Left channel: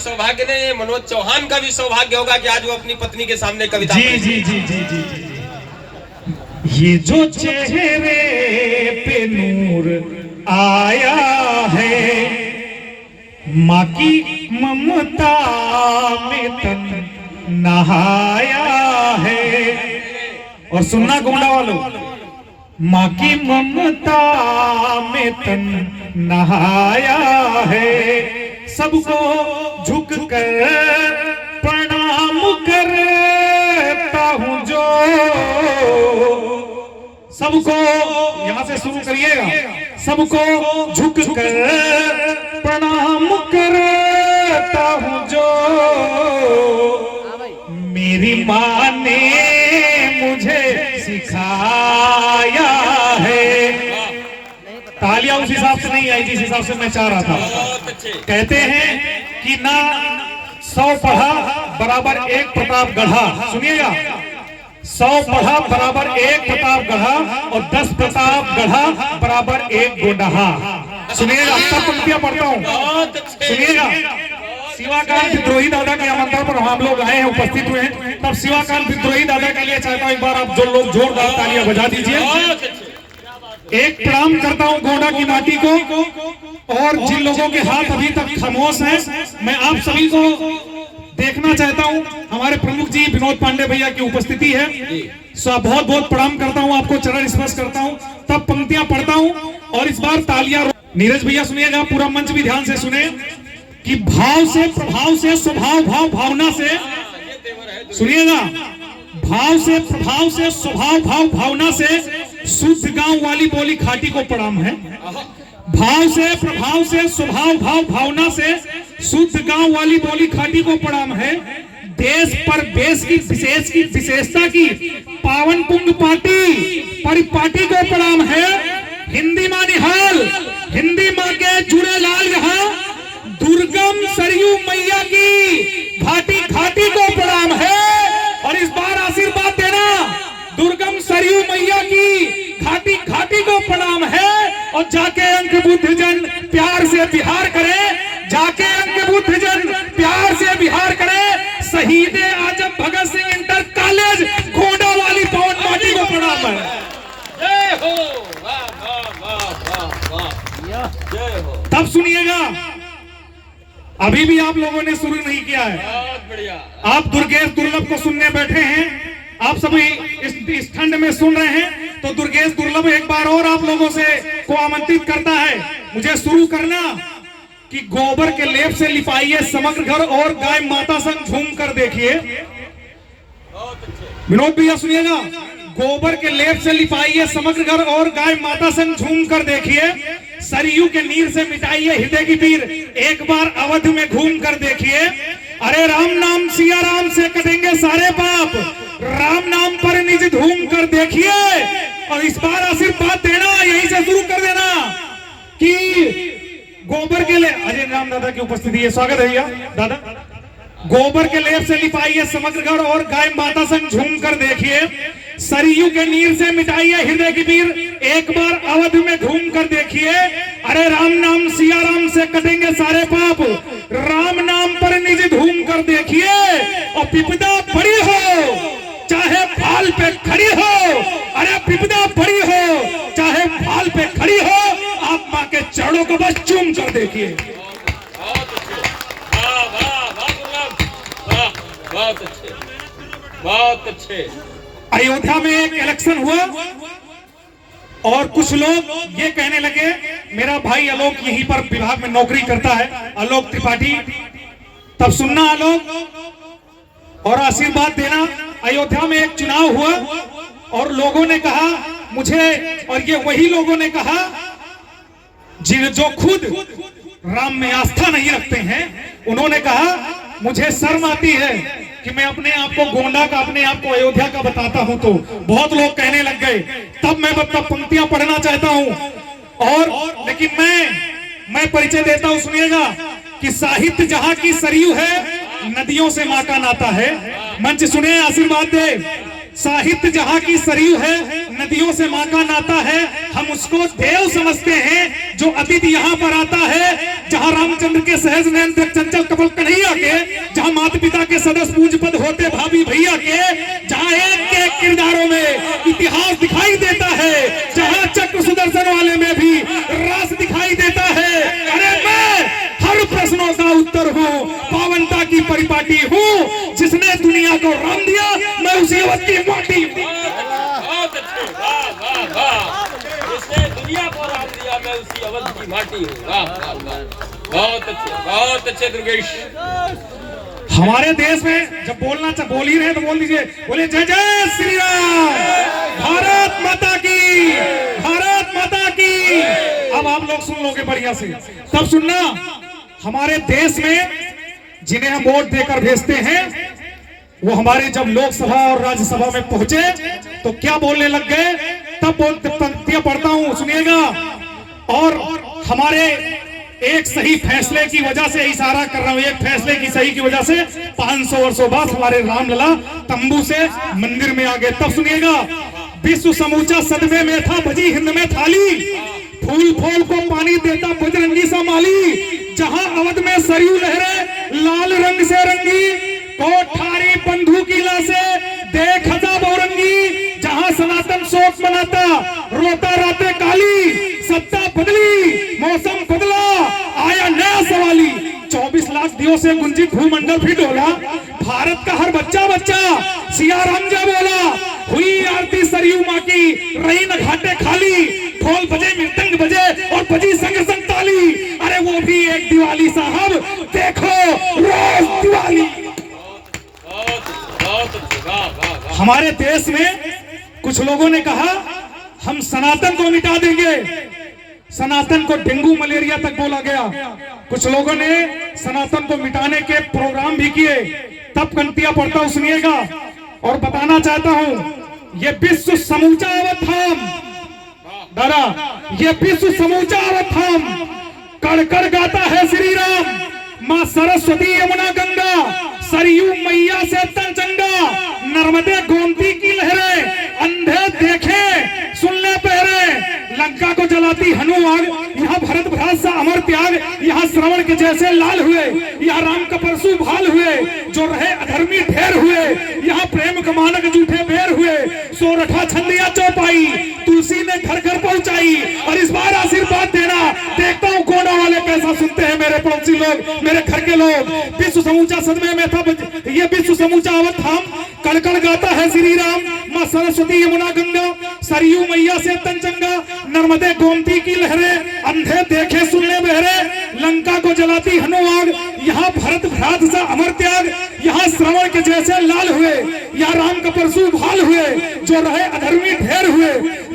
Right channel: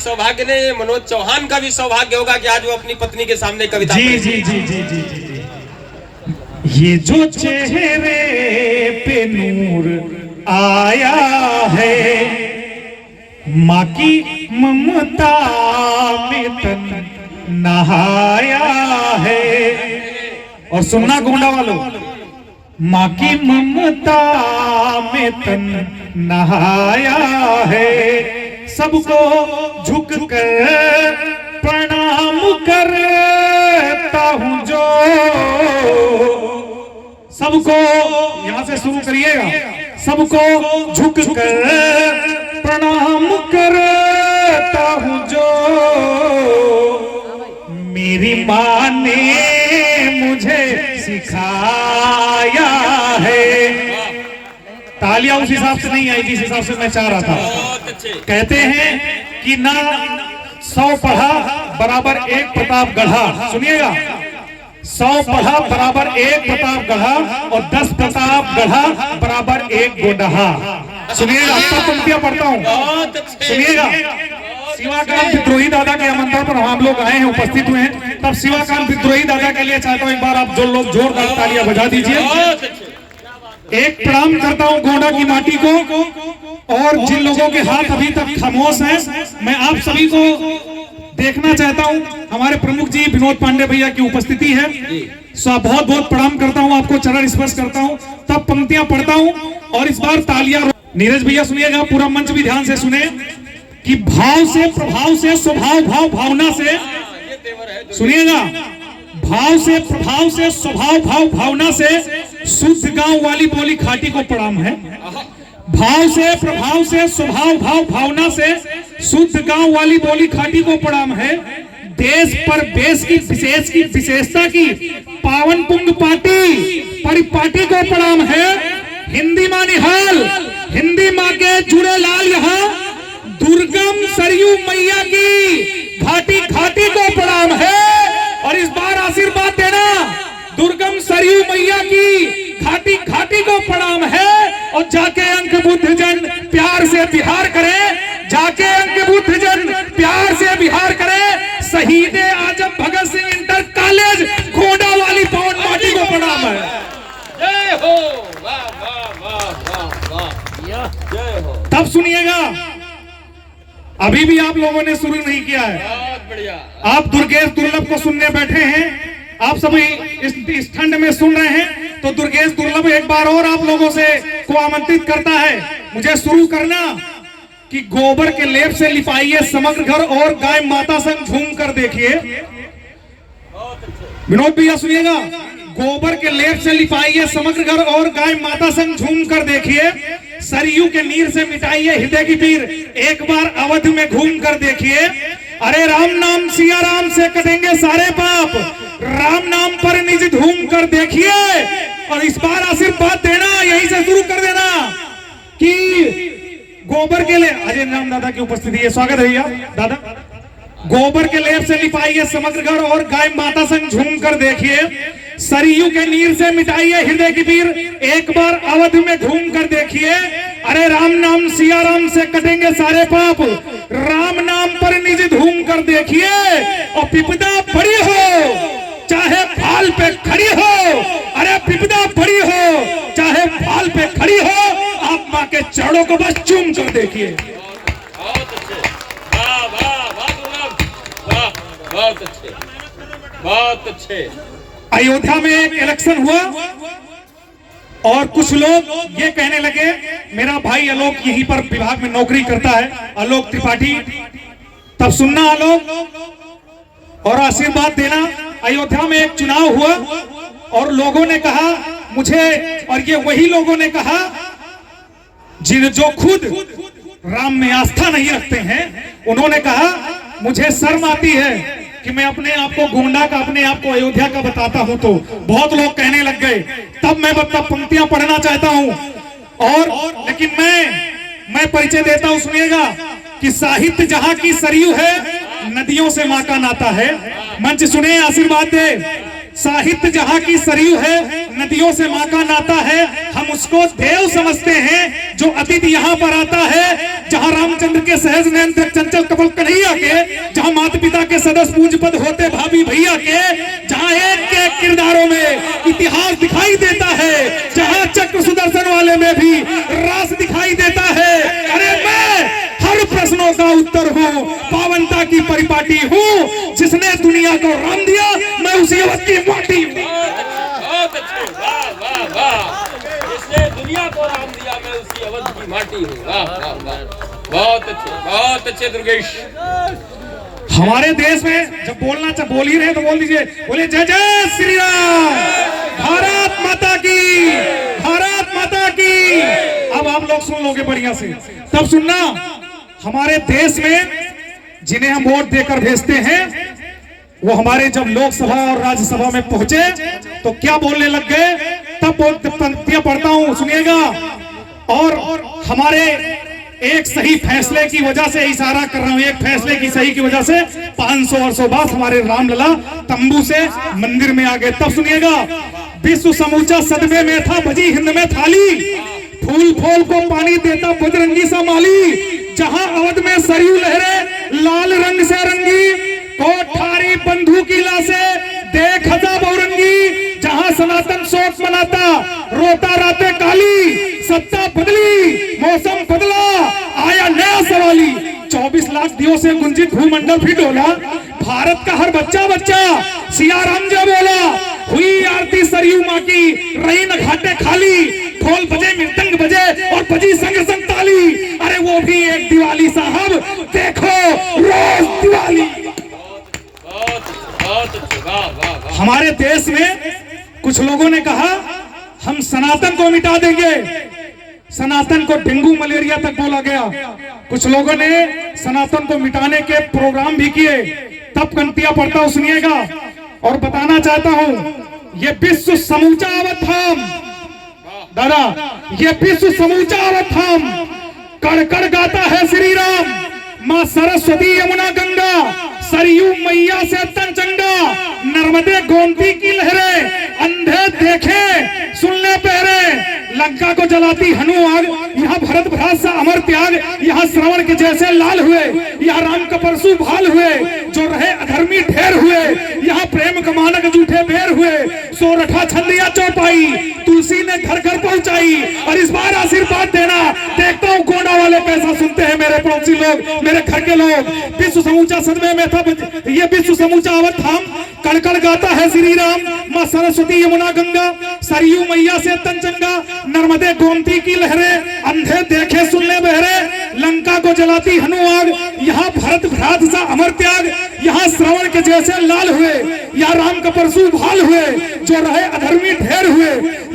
सौभाग्य नहीं, मनोज चौहान का भी सौभाग्य होगा कि आज वो अपनी पत्नी के सामने कविता जी जी जी जी जी जी। ये जो चेहरे पे नूर आया है, माँ की ममता में तन नहाया है। और सुनना गोंडा वालों, माँ की ममता में तन नहाया है। सबको झुक कर प्रणाम करता हूँ जो, सबको यहाँ से शुरू करिएगा, सबको झुक कर प्रणाम करता हूँ जो, मेरी माँ ने मुझे सिखाया है। तालियां उस हिसाब से नहीं आई जिस हिसाब से मैं चाह रहा था। कहते हैं कि ना 100 पढ़ा बराबर 1 प्रताप गढ़ा। सुनिएगा, 100 पढ़ा बराबर 1 प्रताप गढ़ा और 10 प्रताप गढ़ा बराबर 1 गोडहा। सुनिएगा, अब पंक्तियां पढ़ता हूँ, सुनिएगा। शिवाकांत विद्रोही दादा के आमंत्रण पर हम लोग आए हैं, उपस्थित हुए हैं। तब शिवाकांत विद्रोही दादा के लिए चाहता हूँ एक बार आप जो लोग जोरदार तालियां बजा दीजिए। एक प्रणाम करता हूँ गोंडा की माटी को, और जिन लोगों के हाथ अभी तक खामोश हैं, मैं आप सभी को देखना चाहता हूँ। हमारे प्रमुख जी विनोद पांडे भैया की उपस्थिति है, सो बहुत बहुत प्रणाम करता हूँ आपको, चरण स्पर्श करता हूँ, तब पंक्तियां पढ़ता हूँ। और इस बार तालियां। नीरज भैया सुनिएगा, पूरा मंच भी ध्यान से सुने कि भाव से, प्रभाव से, स्वभाव, भाव, भावना से, सुनिएगा, भाव से, प्रभाव से, स्वभाव, भाव, भावना से शुद्ध गांव वाली बोली खाटी को प्रणाम है। भाव से, प्रभाव से, स्वभाव, भाव, भावना से शुद्ध गांव वाली बोली खाटी को प्रणाम है। देश पर देश की विशेष की विशेषता की पावन पुंग पार्टी परिपाटी को प्रणाम है। हिंदी माँ निहाल, हिंदी माँ के जुड़े लाल यहाँ, दुर्गम सरयू मैया की घाटी घाटी को प्रणाम है। और इस बार आशीर्वाद देना, दुर्गम सरयू मैया की घाटी घाटी को प्रणाम है। और जाके अंक बुद्ध जन प्यार से बिहार करे, जाके अंक बुद्ध जन प्यार से बिहार करे। शहीद आजम भगत सिंह इंटर कॉलेज गोंडा वाली पवन पार्टी को प्रणाम है। जय हो, वाह वाह वाह वाह, जय हो। तब सुनिएगा, अभी भी आप लोगों ने शुरू नहीं किया है। बहुत बढ़िया। आप दुर्गेश दुर्लभ को सुनने बैठे हैं, आप सभी इस खंड में सुन रहे हैं, तो दुर्गेश दुर्लभ एक बार और आप लोगों से को आमंत्रित करता है मुझे शुरू करना कि गोबर के लेप से लिपाइए समग्र घर और गाय माता संग झूम कर देखिए। विनोद भैया सुनिएगा, गोबर के लेप से लिपाइए समग्र घर और गाय माता संग झूम कर देखिए। सरयू के नीर से मिटाइए हृदय की पीर, एक बार अवध में घूम कर देखिए। अरे राम नाम सिया राम से कटेंगे सारे पाप, राम नाम पर निज धूम कर देखिए। और इस बार आशीर्वाद देना, यहीं से शुरू कर देना कि गोबर के लिए अजय नाम दादा की उपस्थिति है, स्वागत है भैया दादा। गोबर के लेप से लिपाइए समग्र घर और गाय माता संग झूम कर देखिए। सरयू के नीर से मिटाइए हृदय की पीर, एक बार अवध में घूम कर देखिए। अरे राम नाम सिया राम से कटेंगे सारे पाप, राम नाम पर निज धूम कर देखिए। और विपदा बड़ी हो चाहे फाल पे खड़ी हो, अरे विपदा बड़ी हो चाहे फाल पे खड़ी हो, आप माँ के चरणों को बस चूम कर देखिए। बहुत अच्छे, बहुत अच्छे। अयोध्या में एक इलेक्शन हुआ और कुछ लोग ये कहने लगे, मेरा भाई आलोक यहीं पर विभाग में नौकरी करता है, आलोक त्रिपाठी। तब सुनना आलोक और आशीर्वाद देना। अयोध्या में एक चुनाव हुआ और लोगों ने कहा मुझे, और ये वही लोगों ने कहा जो खुद राम में आस्था नहीं रखते हैं, उन्होंने कहा मुझे शर्म आती है कि मैं अपने आप को गोंडा का, अपने आप को अयोध्या का बताता हूं। तो बहुत लोग कहने लग गए। तब मैं पंक्तियां पढ़ना चाहता हूं, और लेकिन मैं परिचय देता हूं, सुनिएगा कि साहित्य जहां की सरयू है, नदियों से मां का नाता है। मंच सुने, आशीर्वाद दे। साहित्य जहां की सरयू है, नदियों से माँ का नाता है, हम उसको देव समझते हैं जो अतिथि यहाँ पर आता है। जहाँ रामचंद्र के सहज नयन चंचल कपल कन्हैया के, जहाँ माता पिता के सदस्य पूज्य पद होते भाभी भैया के, जहाँ एक के एक किरदारों में इतिहास दिखाई देता है, जहाँ चक्र सुदर्शन वाले में भी रास दिखाई देता है। अरे मैं हर प्रश्नों का उत्तर हूँ, पावनता की परिपाटी हूँ। जिसने दुनिया को राम दिया मैं उसी अवध की माटी हूँ। बहुत अच्छे, वाह वाह वाह। जिसने दुनिया को राम दिया मैं उसी अवध की माटी हूँ। वाह वाह वाह, बहुत अच्छे दुर्गेश। हमारे देश में जब बोलना चाहे बोल ही रहे तो बोल दीजिए, बोलिए जय जय श्री राम, भारत माता की, भारत माता की। अब आप लोग सुन लोगे बढ़िया से, तब सुनना। हमारे देश में जिन्हें हम वोट देकर भेजते हैं, वो हमारे जब लोकसभा और राज्यसभा में पहुंचे तो क्या बोलने लग गए, तब पंक्तियां पढ़ता हूं, सुनिएगा। और हमारे एक सही फैसले की वजह से इशारा कर रहा हूं, एक फैसले की सही की वजह से 500 वर्षों बाद हमारे रामलला तंबू से मंदिर में आ गए। तब सुनिएगा, विश्व समूचा सदमे में था, बजी हिंद में थाली, फूल फूल को पानी देता बजरंगी सा माली। जहां अवध में सरयू लहरे लाल रंग से रंगी, कोठारी बंधु की लाशें देख हजा बहुरंगी। जहां सनातन शोक मनाता रोता रातें काली, सत्ता बदली मौसम बदला आया नया सवाली। 24 लाख दिनों से गुंजित भूमंडल भी डोला, भारत का हर बच्चा बच्चा सिया राम जय बोला। हुई आरती सरयू माँ की, रही न घाटे खाली, ढोल बजे मृदंग बजे और बजी संग संग ताली। अरे वो भी एक दिवाली साहब, देखो रोज दिवाली। हमारे देश में कुछ लोगों ने कहा हम सनातन को मिटा देंगे, सनातन को डेंगू मलेरिया तक बोला गया। कुछ लोगों ने सनातन को मिटाने के प्रोग्राम भी किए। तब पंक्तियां पढ़ता हूं, सुनिएगा। और बताना चाहता हूं, ये विश्व समूचा अवध थाम, दादा ये विश्व समूचा अवध थाम, कड़ कड़ गाता है श्री राम। माँ सरस्वती यमुना गंगा, सरयू मैया से तन चंगा, नर्मदे गोमती की लहरें, अंधे देखे सुन ले पहरे। लंका को जलाती हनु आग, यहाँ भरत भ्रात सा अमर त्याग। यहाँ श्रवण के जैसे लाल हुए, यहाँ राम का परशु भाल हुए, जो रहे अधर्मी ढेर हुए। यहाँ प्रेम कमानक झूठे बेर हुए, सोरठा छंदिया चौपाई, तुलसी ने घर घर पहुंचाई। और इस बार आशीर्वाद देना, देखता हूँ गोंडा वाले कैसा सुनते हैं, मेरे पड़ोसी लोग, मेरे घर के लोग। विश्व समूचा सदमे में था, ये विश्व समूचा अवध थाम, कड़कड़ गाता है श्री राम। माँ सरस्वती यमुना गंगा, सरयू मैया से तन चंगा, नर्मदे गोमती की लहरें, अंधे देखे सुन ले बहरे। लंका को जलाती हनु आग, यहाँ भरत भ्रात सा अमर त्याग। यहाँ श्रवण के जैसे लाल हुए, यहाँ राम का परशु भाल हुए, जो रहे अधर्मी ढेर हुए।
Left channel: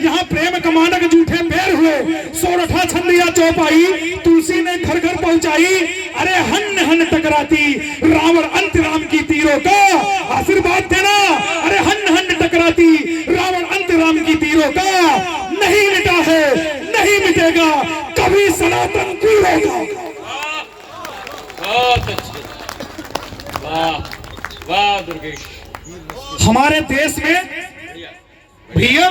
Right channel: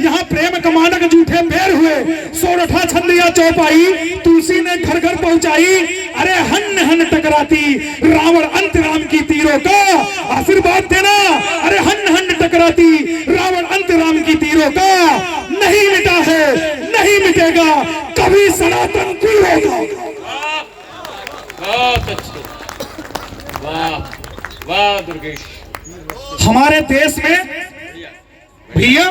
यहाँ प्रेम कमानक झूठे बेर हुए, सोरठा छंदिया चौपाई, तुलसी ने घर घर पहुंचाई। अरे हन हन टकराती रावण अंत राम की तीरों का, आशीर्वाद देना। अरे हन हन टकराती रावण अंत राम की तीरों का, नहीं मिटा है नहीं मिटेगा कभी सनातन की होगा। बहुत अच्छे, वाह वाह दुर्गेश। हमारे देश में भैया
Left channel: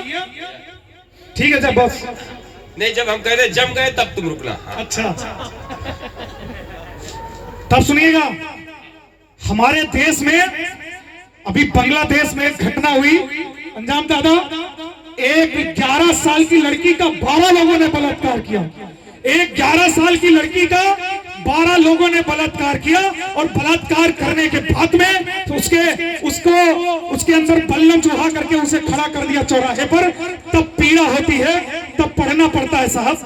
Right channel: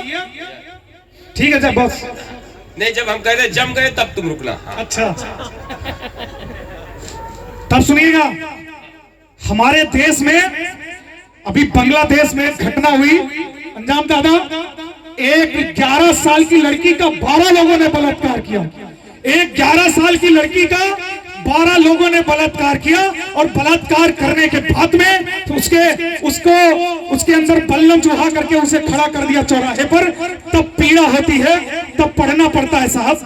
ठीक है जब बस नहीं, जब हम कह रहे जम गए तब तुम रुकना। अच्छा तब सुनिएगा। हमारे देश में अभी बांग्लादेश में एक घटना हुई, अंजाम दादा, एक 11 साल की लड़की का 12 लोगों ने बलात्कार किया। एक 11 साल की लड़की का 12 लोगों ने बलात्कार किया, और बलात्कार करने के बाद में उसके अंदर बल्लम चढ़ा करके उसे खड़ा कर दिया चौराहे पर। तब पीड़ा होती है, तब पढ़ना पड़ता है साहब।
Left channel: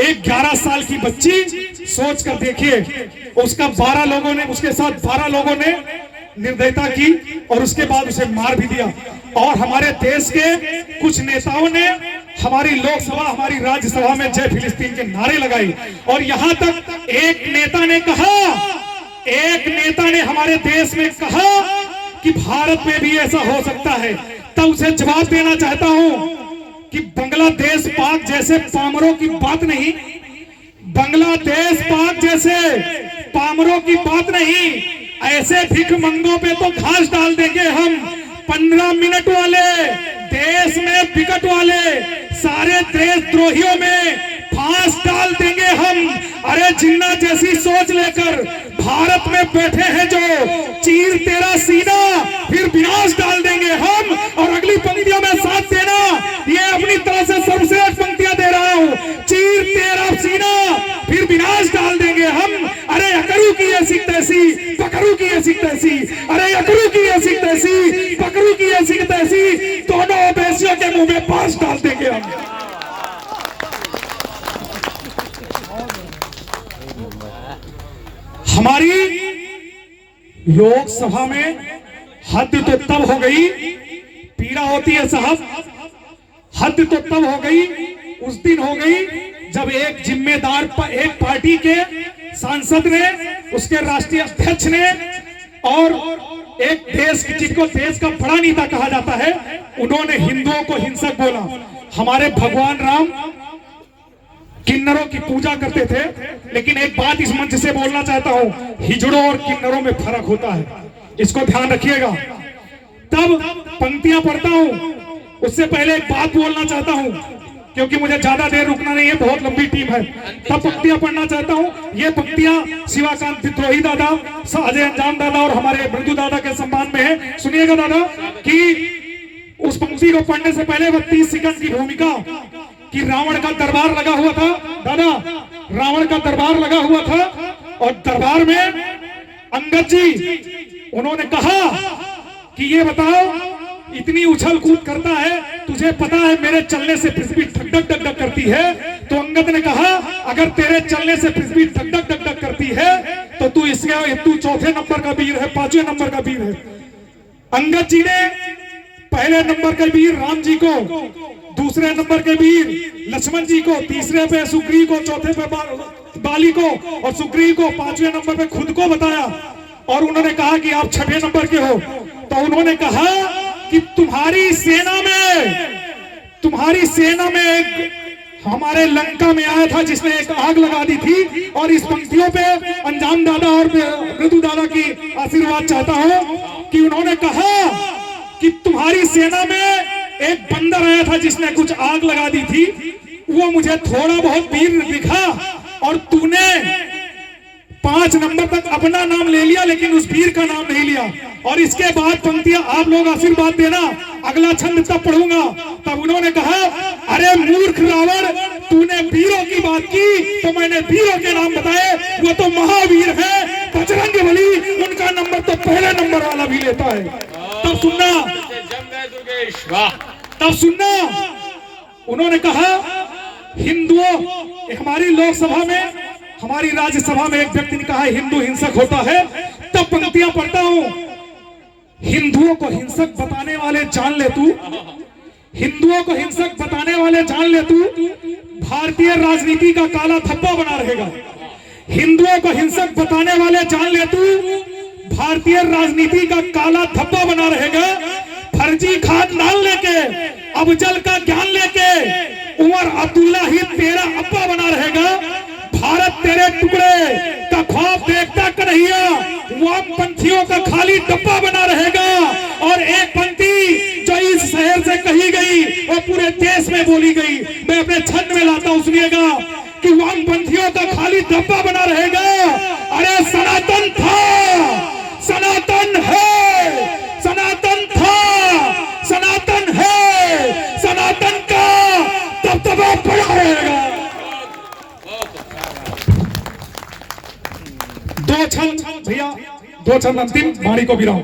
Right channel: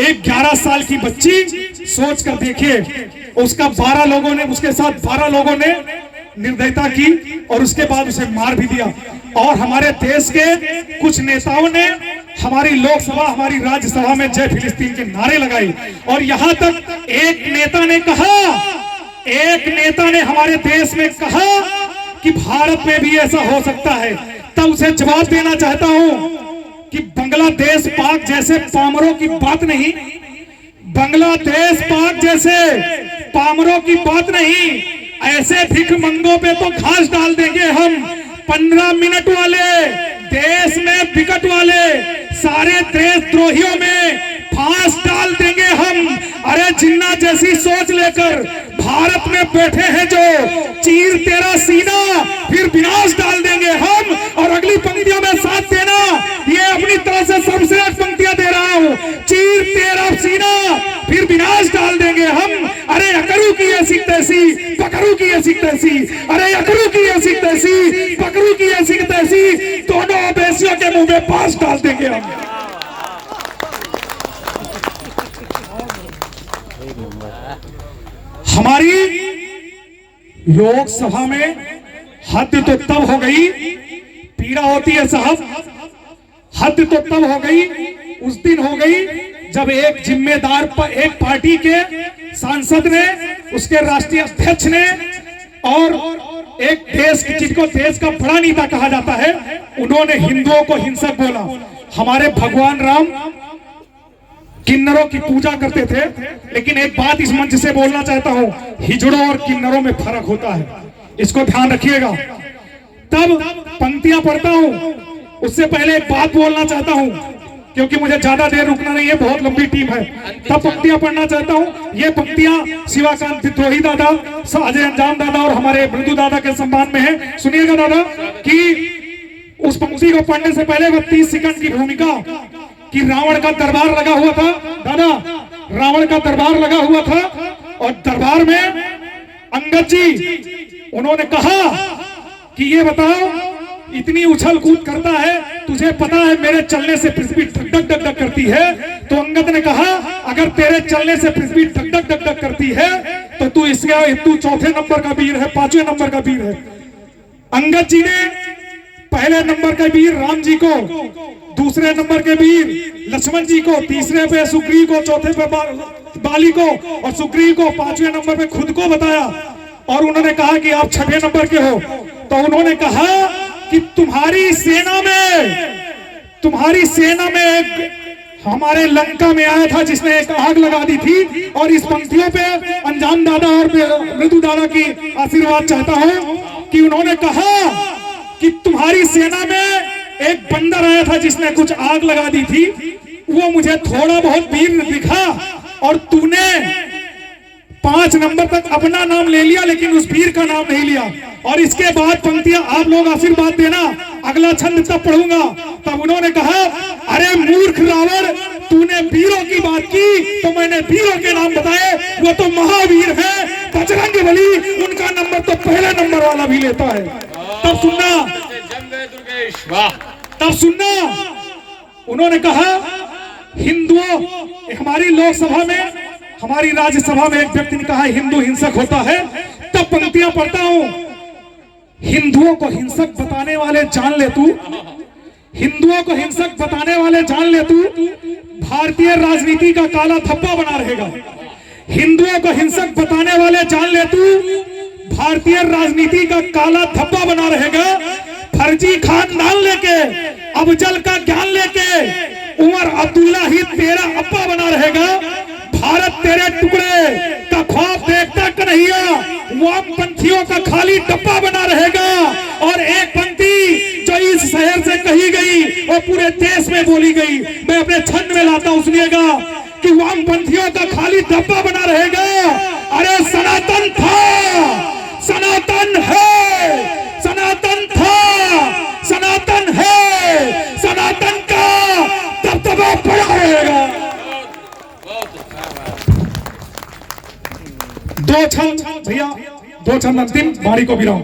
एक 11 साल की बच्ची, सोच कर देखिए, उसका 12 लोगों ने, उसके साथ 12 लोगों ने निर्दयता की और उसके बाद उसे मार भी दिया। और हमारे देश के कुछ नेताओं ने हमारी लोकसभा, हमारी राज्यसभा में जय फिलिस्तीन के नारे लगाई। और यहां तक एक नेता ने हमारे देश में कहा कि भारत में भी ऐसा हो सकता है। तब उसे जवाब देना चाहता हूं कि बांग्लादेश पाक जैसे पामरों की बात नहीं, बांग्लादेश पाक जैसे पामरों की बात नहीं। ऐसे भिख मंगों पे तो घास डाल देंगे हम। 15 मिनट वाले देश में विकट वाले सारे देशद्रोहियों में फांस डाल देंगे हम। अरे जिन्ना जैसी सोच लेकर भारत में बैठे हैं जो, चीर तेरा सीना फिर विनाश डाल देंगे हम। और अगली पंक्तियों में साथ देना, ये अपनी तरफ से सर्वश्रेष्ठ पंक्तियां दे रहा हूं। चीर तेरा सीना फिर विनाश डाल देंगे हम। अरे अकरू की ये सिक तैसी, पकड़ू की ये सिक तैसी। अरे अकरू की ये सिक तैसी, पकड़ू की ये सिक तैसी, दोनों अवैसियों के मुंह में पास डाल देंगे हम। हमारी लोकसभा में हद तो तब हो गई, पीड़ा होती है साहब, हद तो तब हो गई, उस दिन हो गई जब एक जिम्मेदार एक पार्टी के सांसद ने, उसके राष्ट्रीय अध्यक्ष ने और एक देश जिनको देश का बड़ा नेता कहा जाता है, उन्होंने हिंदुओं को हिंसक बोला। हमारे भगवान राम किन्नरों की पूजा करते थे, लेकिन एक बात इस मंच से बोलना चाहता हूं, हिजड़ों और किन्नरों में फर्क होता है, इसको ध्यान रखिएगा। तब पंक्तियां पढ़ता हूं, उससे पहले एक बात बोलना चाहता हूं, क्योंकि मुझे ज्यादा देर रुकना नहीं है, बहुत लंबी टीम है। तब पंक्तियां पढ़ना चाहता हूं। ये पंक्तियां शिवाकांत विद्रोही दादा, अजय अंजाम दादा और हमारे मृदु दादा के सम्मान में है। सुनिएगा दादा कि उस पंक्ति को पढ़ने से पहले वो 30 सेकंड की भूमिका कि रावण का दरबार लगा हुआ था। दादा, रावण का दरबार लगा हुआ था और दरबार में अंगद जी उन्होंने कहा कि ये बताओ, इतनी उछल कूद करता है, तुझे पता है मेरे चलने से पृथ्वी धक धक धक धक करती है। तो अंगद ने कहा, अगर तेरे चलने से पृथ्वी धक धक धक धक करती है तो तू चौथे नंबर का वीर है, 5वें नंबर का वीर है। अंगद जी ने पहले नंबर के वीर राम जी को, दूसरे नंबर के वीर लक्ष्मण जी को, तीसरे पे सुग्रीव को, चौथे पे बाली को और सुग्रीव को, 5वें नंबर पे खुद को बताया। और उन्होंने कहा कि आप 6वें नंबर के हो। तो उन्होंने कहा कि तुम्हारी सेना में एक हमारे लंका में आया था जिसने एक आग लगा दी थी। और इस पंक्तियों पे अंजाम दादा और मृदु दादा की आशीर्वाद चाहता हूं कि उन्होंने कहा कि तुम्हारी सेना में एक बंदर आया था जिसने कुछ आग लगा दी थी, वो मुझे थोड़ा बहुत वीर दिखा और तूने 5 नंबर तक अपना नाम ले लिया, लेकिन उस वीर का नाम नहीं लिया। और इसके बाद पंक्तियां आप लोग आशीर्वाद देना, अगला छंद तब पढ़ूंगा। तब उन्होंने कहा, अरे मूर्ख रावण, तूने वीरों की बात की तो मैंने वीरों के नाम बताए, वो तो महावीर है, बजरंग बली, उनका नंबर तो पहले नंबर वाला भी लेता है। तब सुनना, उन्होंने कहा हिंदुओं, हमारी लोकसभा में, हमारी राज्यसभा में एक व्यक्ति ने कहा हिंदू हिंसक होता है। तब पंक्तियां पढ़ता हूं, हिंदुओं को हिंसक बताने वाले जान ले तू, हिंदुओं को हिंसक बताने वाले जान ले तू, भारतीय राजनीति का काला धब्बा बना रहेगा। हिंदुओं को हिंसक बताने वाले जान ले तू, भारतीय राजनीति का काला धब्बा बना रहेगा। फर्जी खानदान लेके, अफजल का ज्ञान लेके, उमर अब्दुल्ला ही तेरा अब्बा बना रहेगा। भारत तेरे टुकड़े का ख्वाब देखता कन्हैया, वामपंथियों का खाली डब्बा बना रहेगा। और एक पंक्ति जो इस शहर से कही गई वो पूरे देश में बोली गई, मैं अपने छंद में लाता हूं, सुनिएगा कि वामपंथियों का खाली डब्बा बना रहेगा। अरे सनातन था, सनातन है, सनातन था, सनातन है, सनातन का दबदबा बड़ा रहेगा। 2 छंद भैया, 2 छंद अंतिम, वाणी को गिराओ।